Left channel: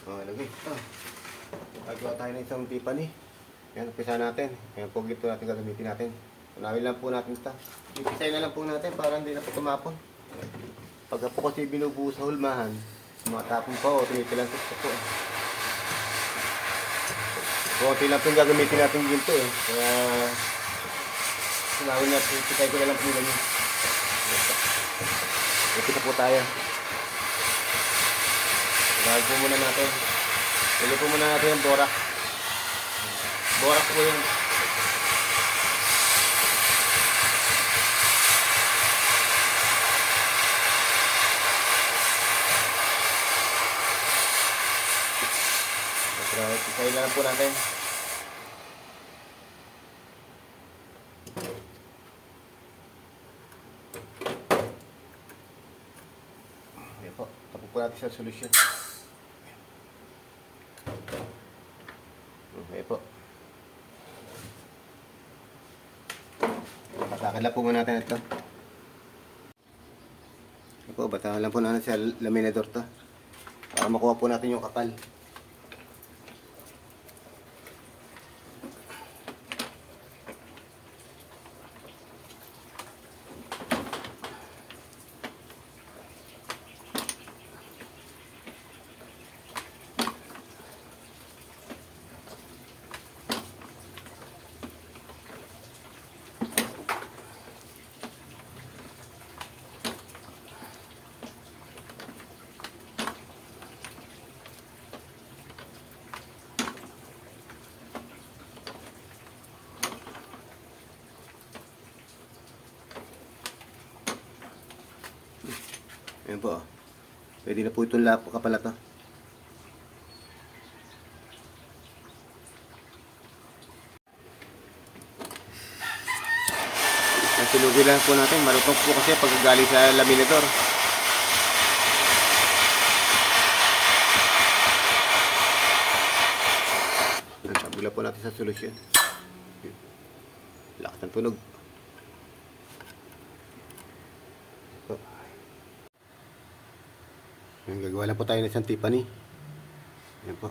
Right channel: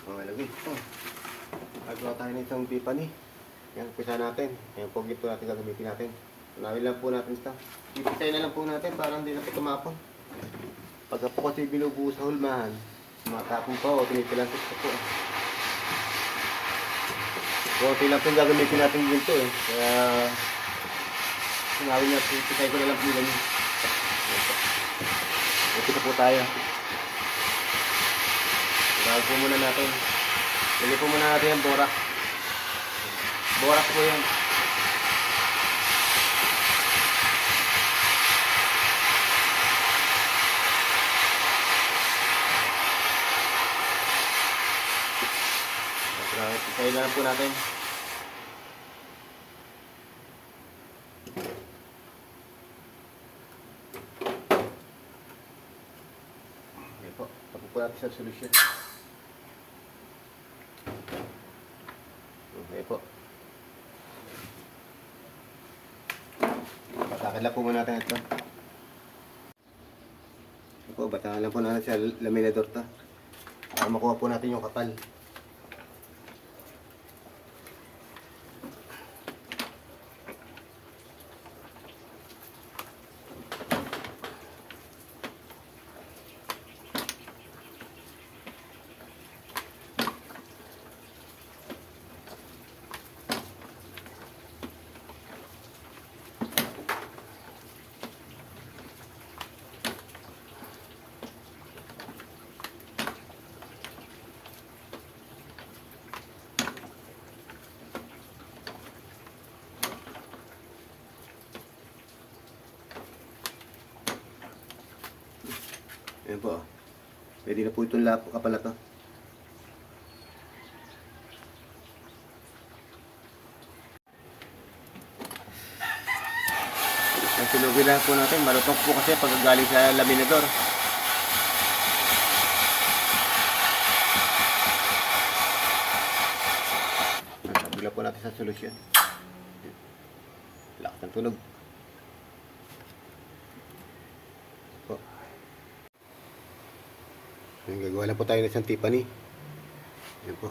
Okay, lagay. Ito. Gagawa tayo ng isang Tiffany. Yan, pisa natin. Yan po, gito natin gagamitin natin. Unawin lang po natin ito. Ipitay na lang po natin para hindi na po tumapon. Pagka po kasi binubuo sa hulmahan, matapon po o tinipilantik po po. Konti lang po yung gagamitin natin ginto eh. Kaya, unawin natin, ipitay ko na lang po nila. Ipita po tayo. Lagay po muna natin. Lagay po muna natin yung borak. Borak po yan. Ipitay na lang po natin. Ayan po. Tapos po natin sa solusyon. Okay po. Batakan lang po muna natin ito. Okay po, batakan lang po natin sa laminador to. Para makuha po natin yung kapal. Ayan po. Pwede na po itong kapal na to. Ang sunugin lang po natin. Malutok po kasi pag galing sa laminador. Nagkabila po natin sa solusyon. Lakas ng tunog. Gagawa lang po tayo ng isang Tiffany. Ayan po.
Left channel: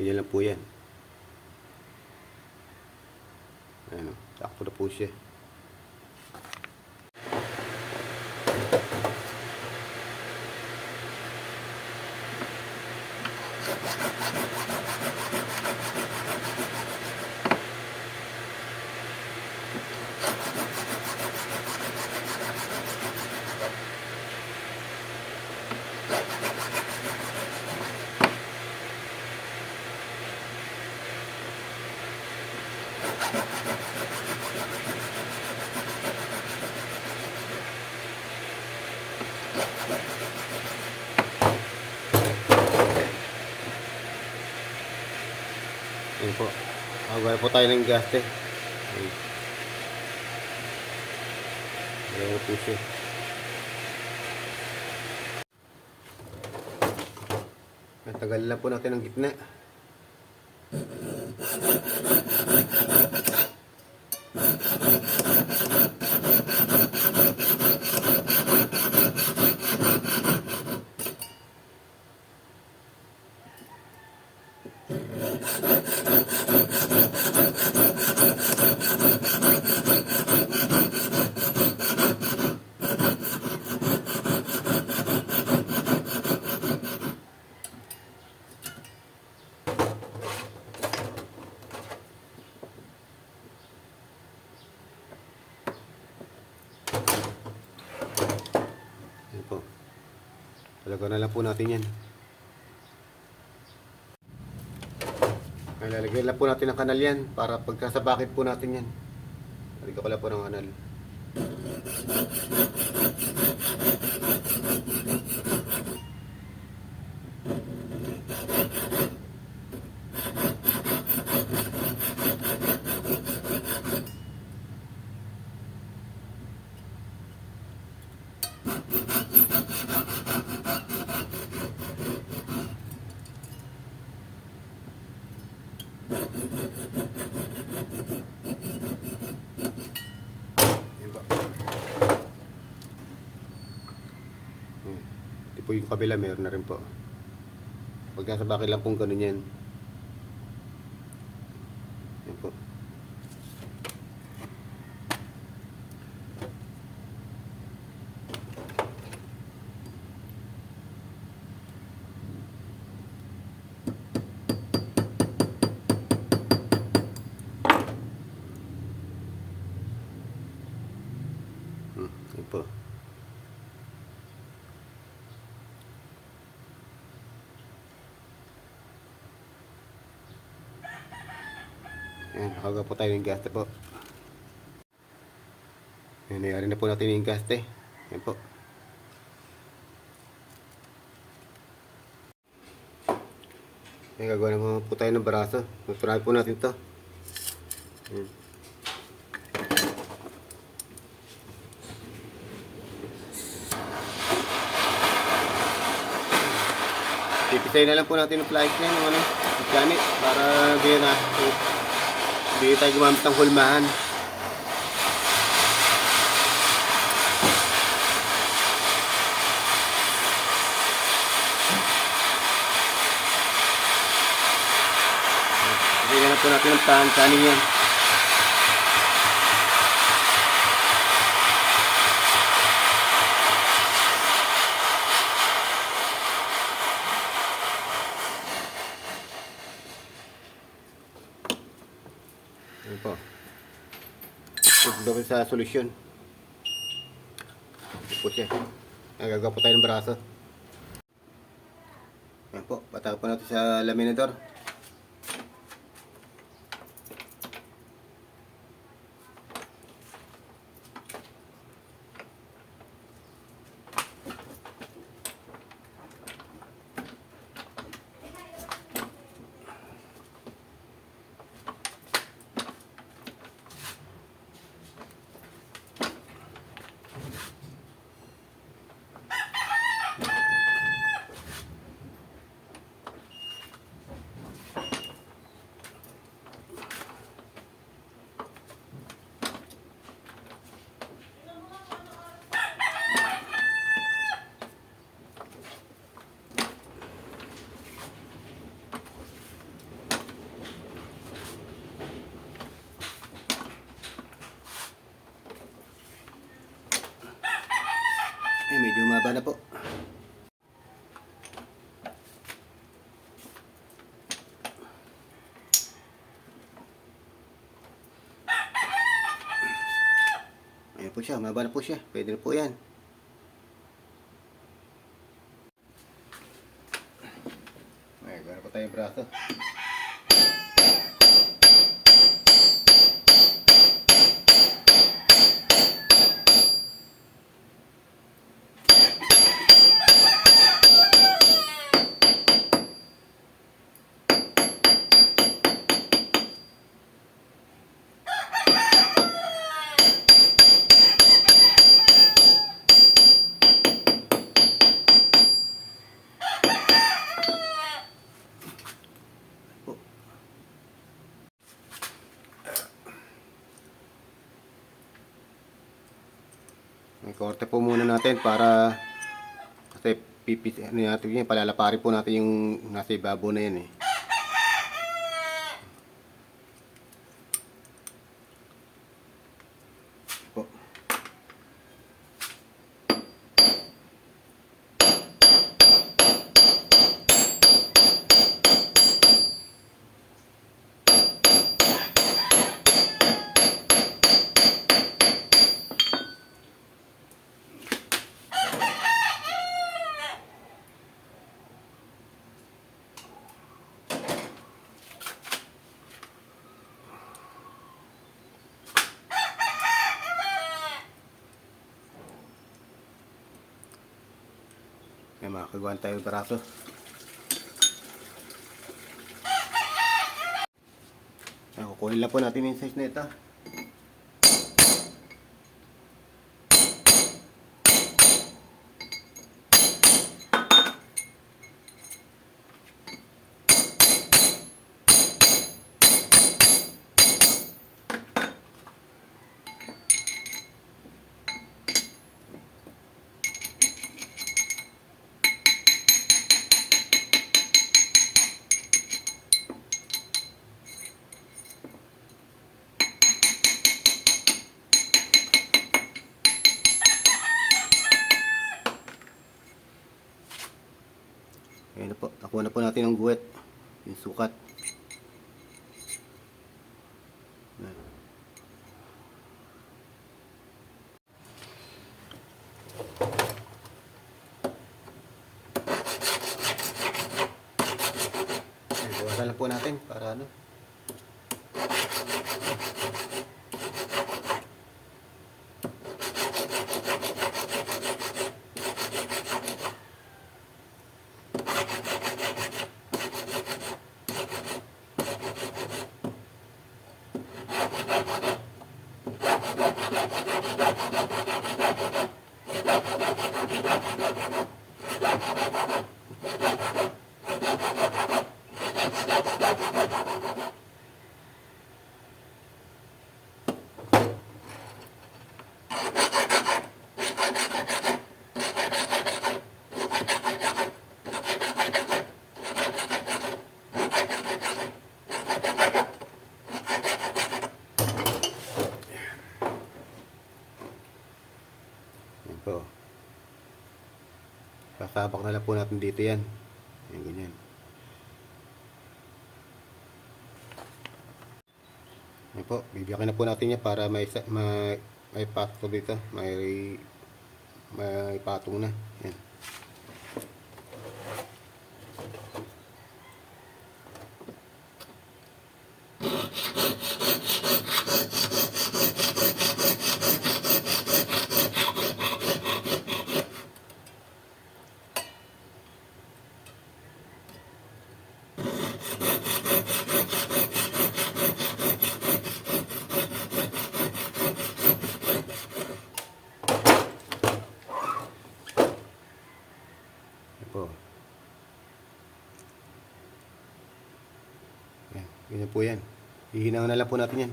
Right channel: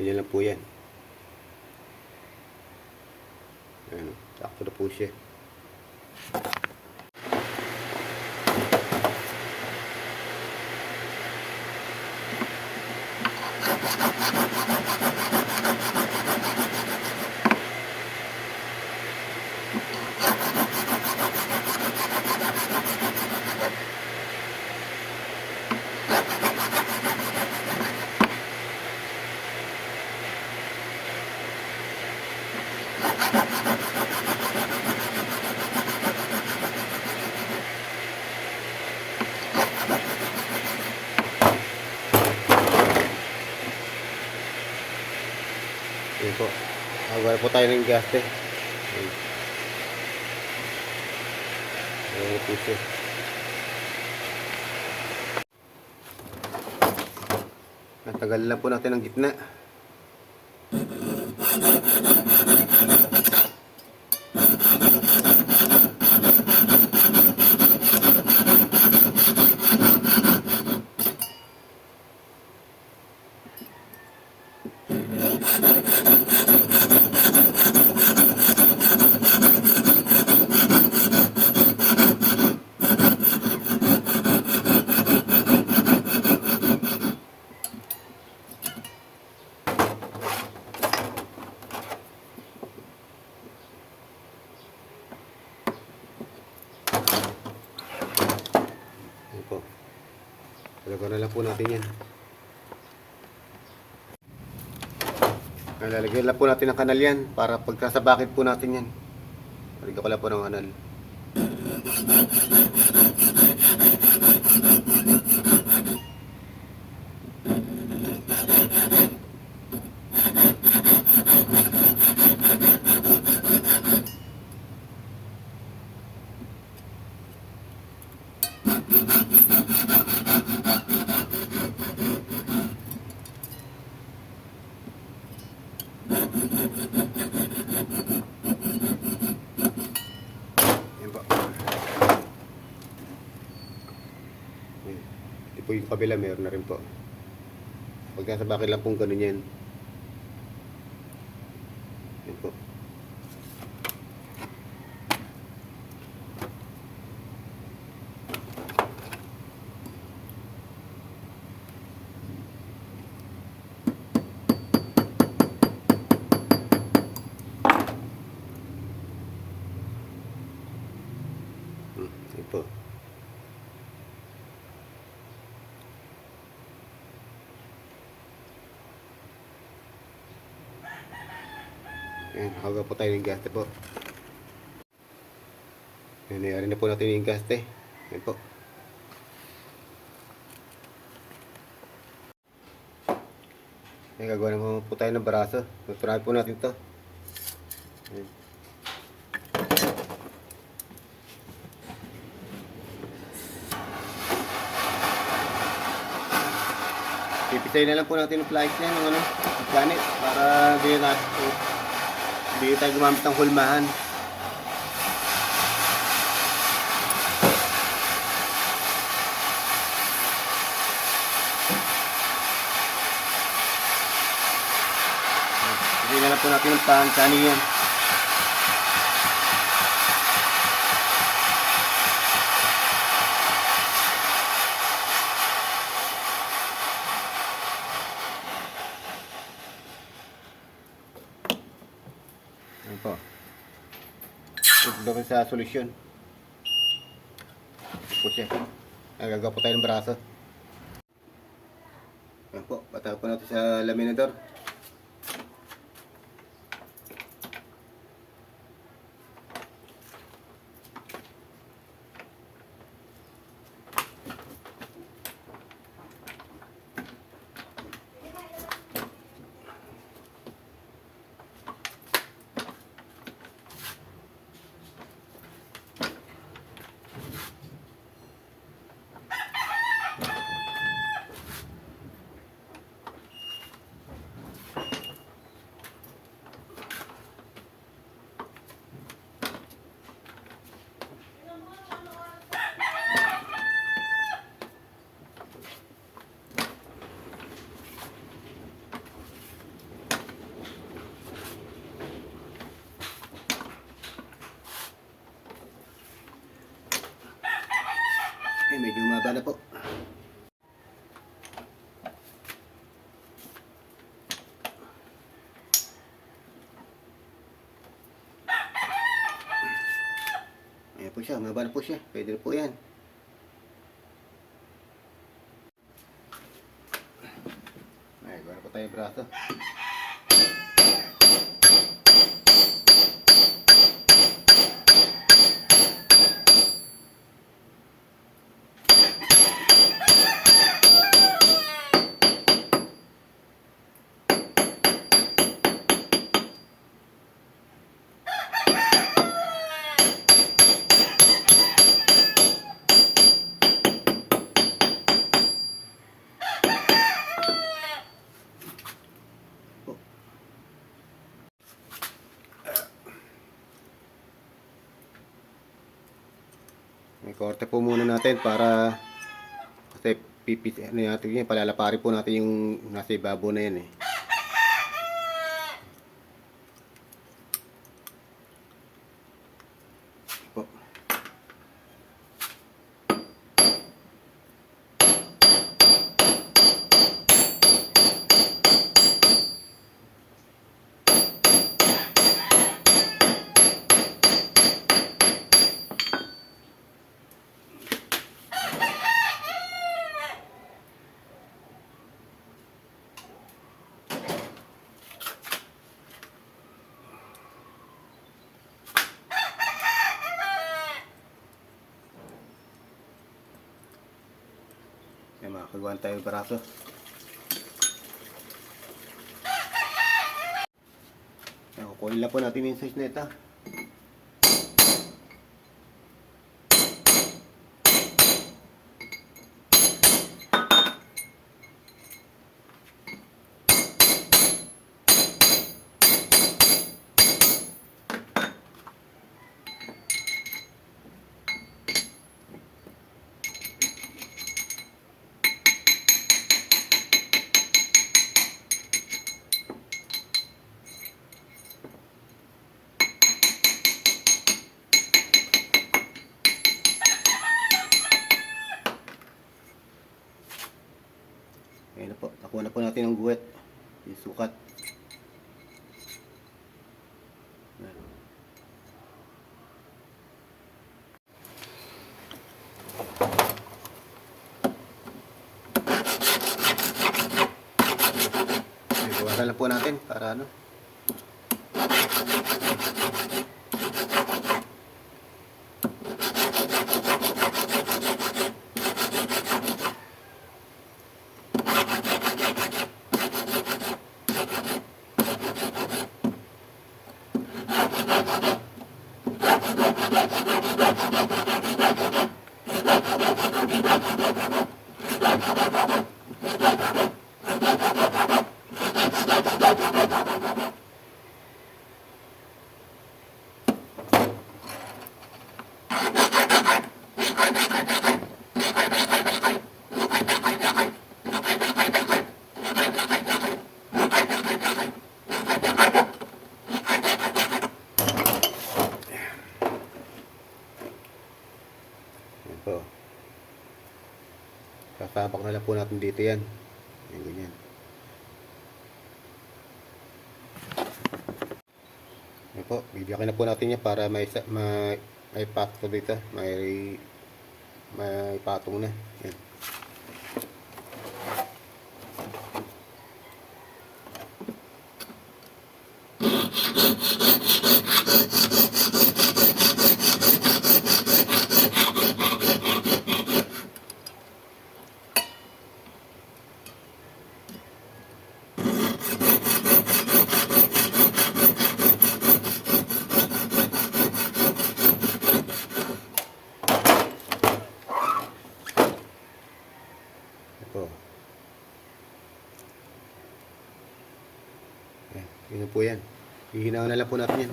Ganyan lang po yan. Ano, sakto na po siya. Ayan po. Magawa po tayo ng gaste. Ayan po siya. Natagal lang po natin ang gitna. Lalagyan na lang po natin yan. Ay, lalagyan lang po natin ng kanal yan para pagkasabakit po natin yan. Lalagyan ko lang po ng kanal. Ayan po. Ito po yung kabila, meron na rin po. Pagkasabakit lang pong ganun yan. Ayan po. Ayan po. Ayan, nakagawa po tayo ng gaste po. Ayan, nayari na po natin yung gaste. Ayan po. Ayan, gagawa naman po tayo ng baraso. Tuturahin po natin ito. Ayan. Ipisayin na lang po natin yung flight na yung planet para hindi na hindi tayo gumamit ng hulmahan. Ipisayin na lang po natin yung kaning yan. Ayan po. Ito ko sa solusyon. Ito po siya. Gagawa po tayo ng braso. Ayan po. Bata po natin sa laminador. Medyo umaba na po. Ayan po siya, umaba na po siya. Pwede na po yan. Ayan, gano'n po tayo yung braso. Korte po muna natin para kasi pipit natin yan, palalapari po natin yung nasa ibabaw na yan eh. Po. May makagawa tayo barato. Kukunin lang po natin yung size na ito. Ayan na po, nakuha na po natin ang guwet, yung sukat. Ayan. Buwasan lang po natin para ano. Ayan po. Sasabak na lang po natin dito yan. Ayan, ganyan. Ayan po, bibigyan na po natin yan para may patong dito. May patong na. Ayan. Po. Yun po yan. Hihinaw na lang po natin yan.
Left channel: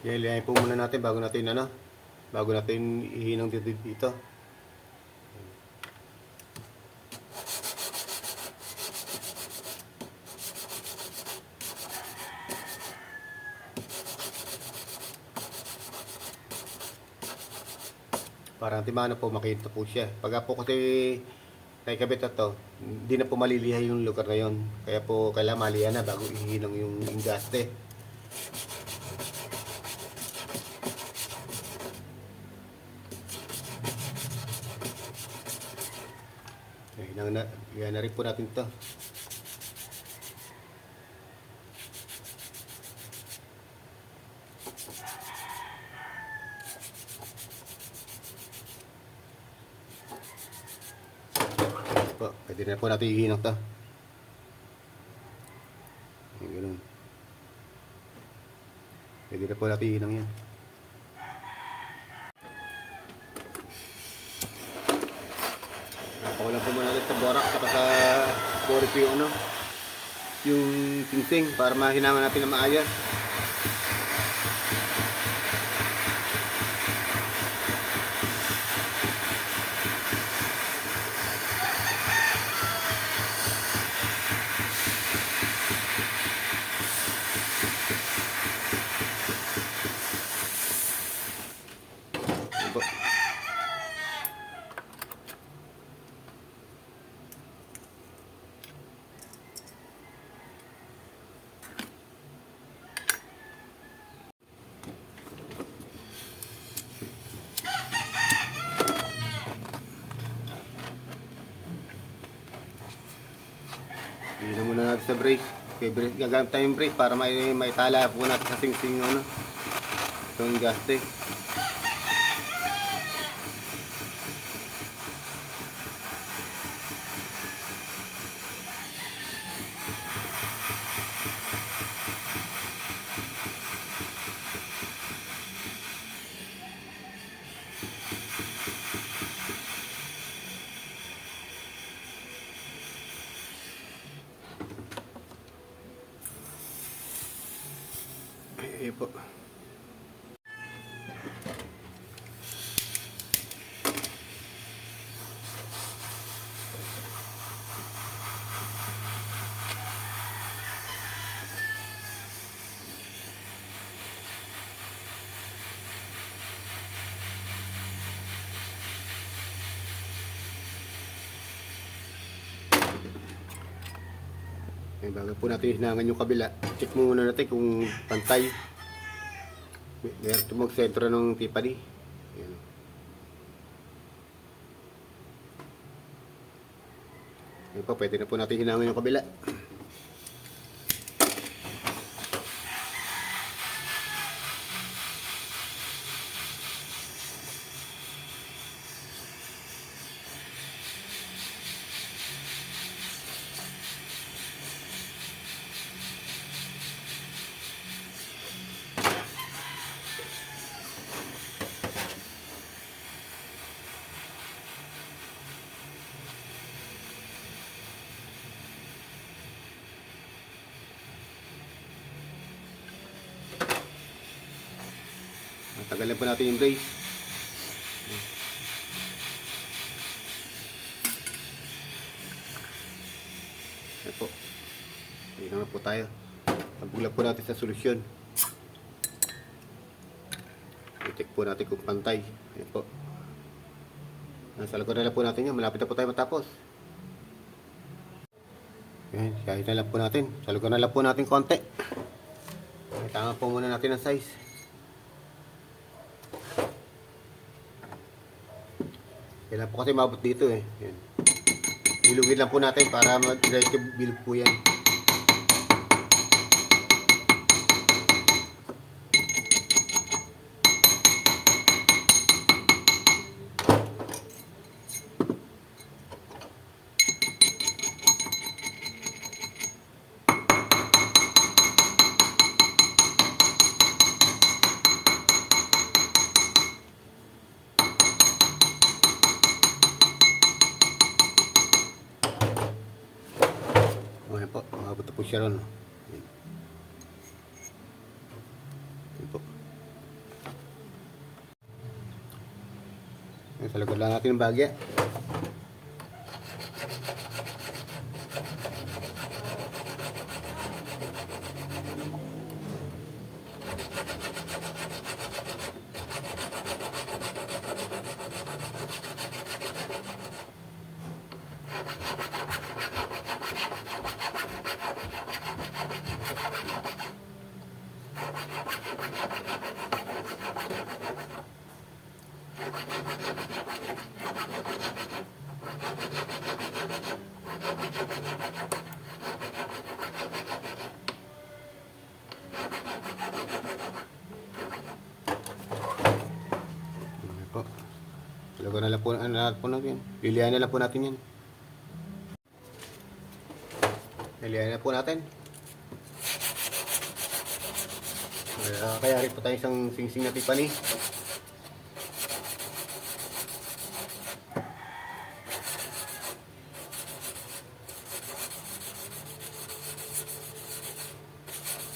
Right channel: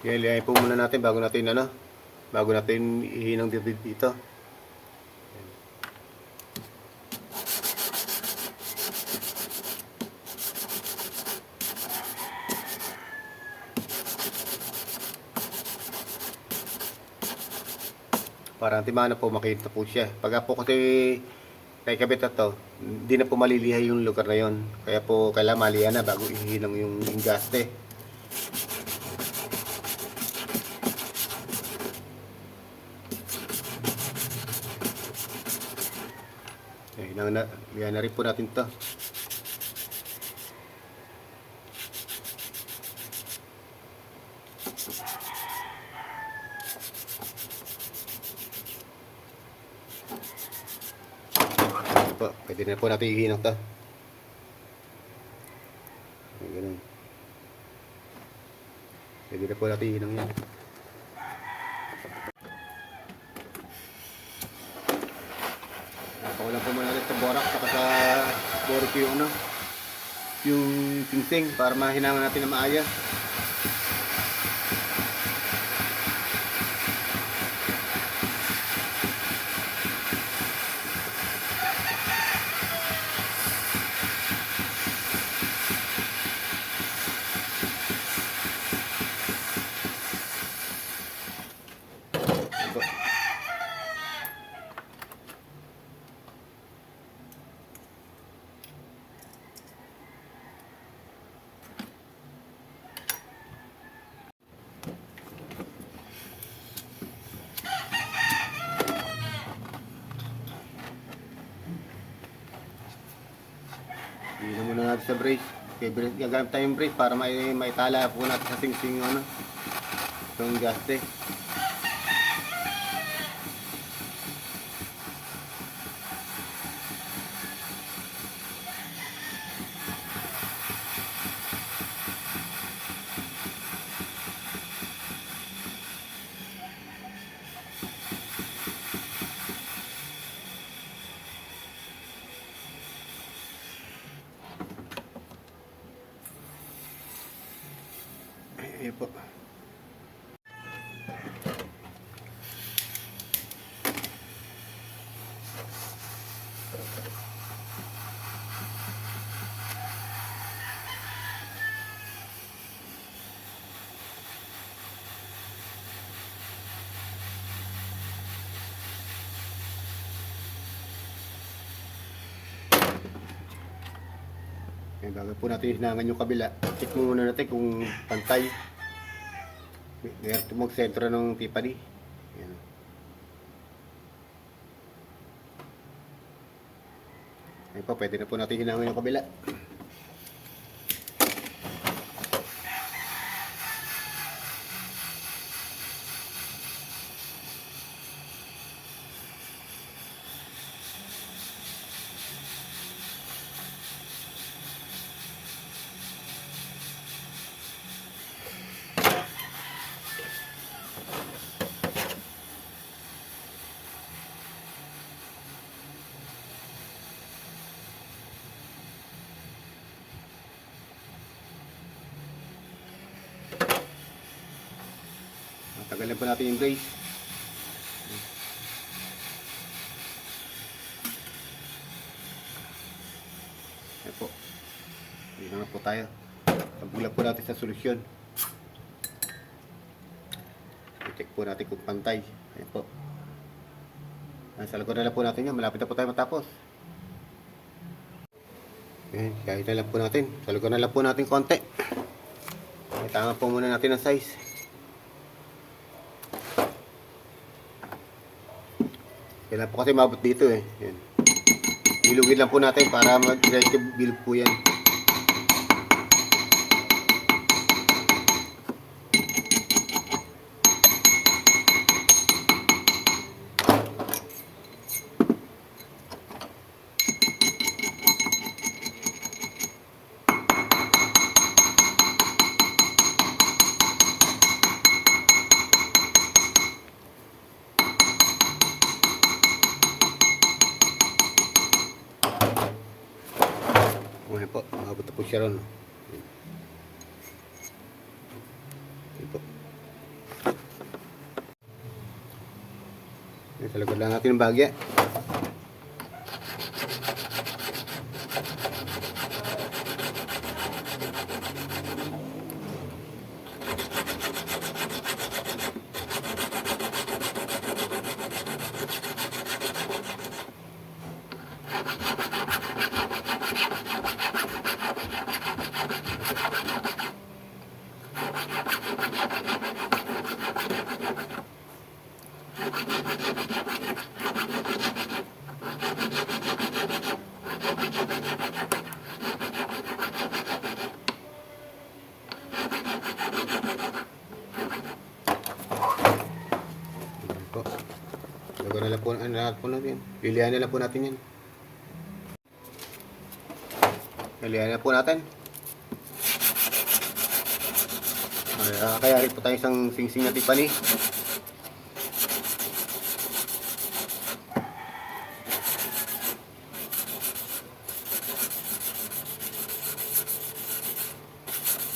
Ilayin po muna natin bago natin ihinang dito. Para timana po makita po siya. Pagka po kasi naikabit na to, hindi na po malilihay yung lugar na yon. Kaya po kailangan malihan na bago ihinang yung ingaste. Lihan na rin po natin to. Po, pwede na po natin ihinang to. Ganun. Pwede na po natin ihinang yan. Wala po muna sa borak saka sa borak yung tingsing para mahinaman natin na maayos. Hindi muna natin sa brake. Okay, gagamit tayong brake para maitala po natin sa sing-sing itong gaste. Ayan po. Ayan, bago po natin hinangan yung kabila, check muna natin kung pantay. Meron ito mag-sentro ng tipali. Ayan. Ayan po, pwede na po natin hinangan yung kabila. Tagalan po natin yung brace. Ayan po. Hindi na po tayo. Pagbulag po natin sa solusyon. I-check po natin kung pantay. Ayan po. Sa likod na lang po natin yan. Malapit na po tayo matapos. Ayan, kahit na lang po natin. Sa likod na lang po natin konti. Tama po muna natin ang size. Kailan po kasi mabot dito eh. Yan. Ilugin lang po natin para mag-diretso bilog po yan. Ayan po, makabot na po siya ron. Ayan po. Ayan, sa likod lang natin ng bagya. Lago na lang po natin. Lilihan na lang po natin yan. Lilihan na po natin. Kayari po tayo isang singsing na tipani.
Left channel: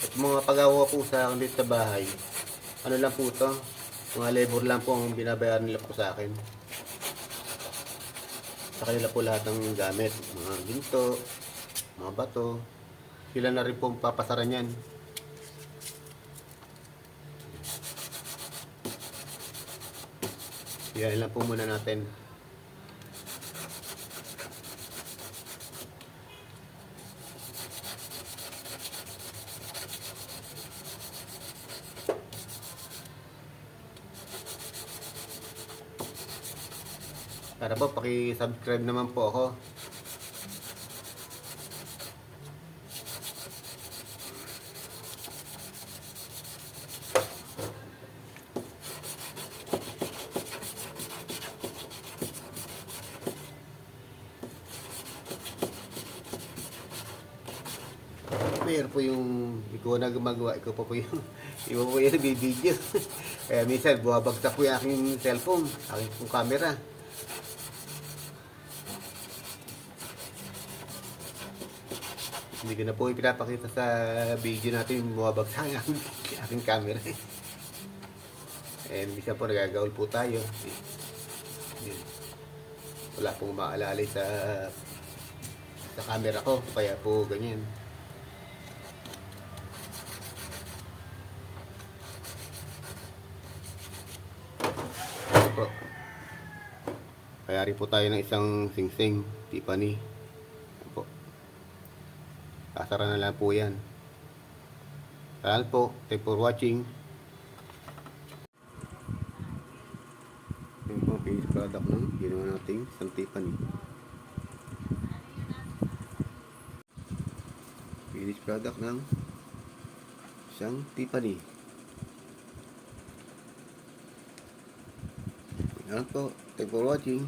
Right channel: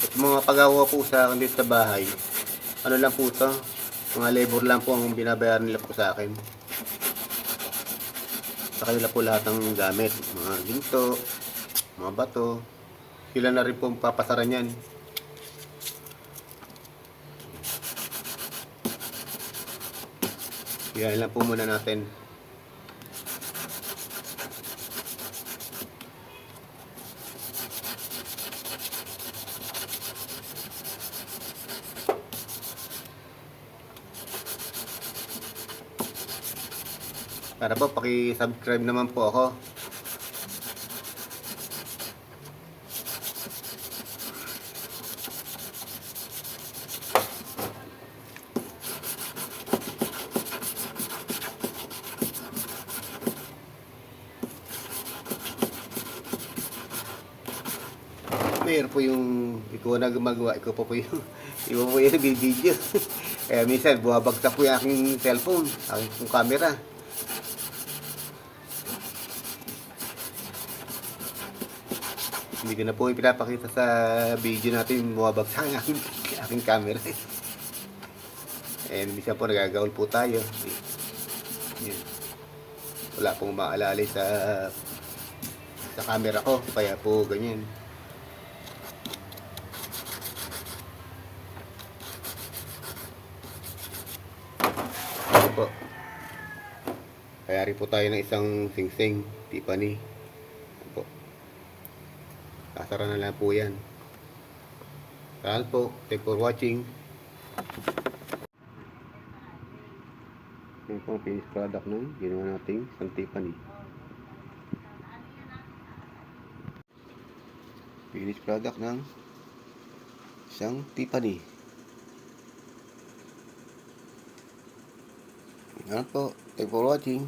At mga pagawa po sa akin dito sa bahay, ano lang po ito, mga labor lang po ang binabayaran nila po sa akin. Sa kanila po lahat ng gamit, mga ginto, mga bato, sila na rin po papasaran yan. Yan lang po muna natin. Para po, paki-subscribe naman po ako. Pero po yung ikaw na gumagawa, ikaw pa po yung ikaw po yung video. Kaya minsan, bumabagsak po yung aking cellphone, aking camera. Hindi ko na po ipinapakita sa video natin, bumabagsak yung aking camera. And minsan po nagagaul po tayo. Yun. Wala pong maalalay sa camera ko, kaya po ganyan. Po. Kaya rin po tayo ng isang sing-sing Tiffany. Po. Sasara na lang po yan. Salamat po. Thank you for watching. Yung pang finished product ng ginawa nating isang Tiffany. Finished product ng isang Tiffany. Salamat po. Thank you for watching.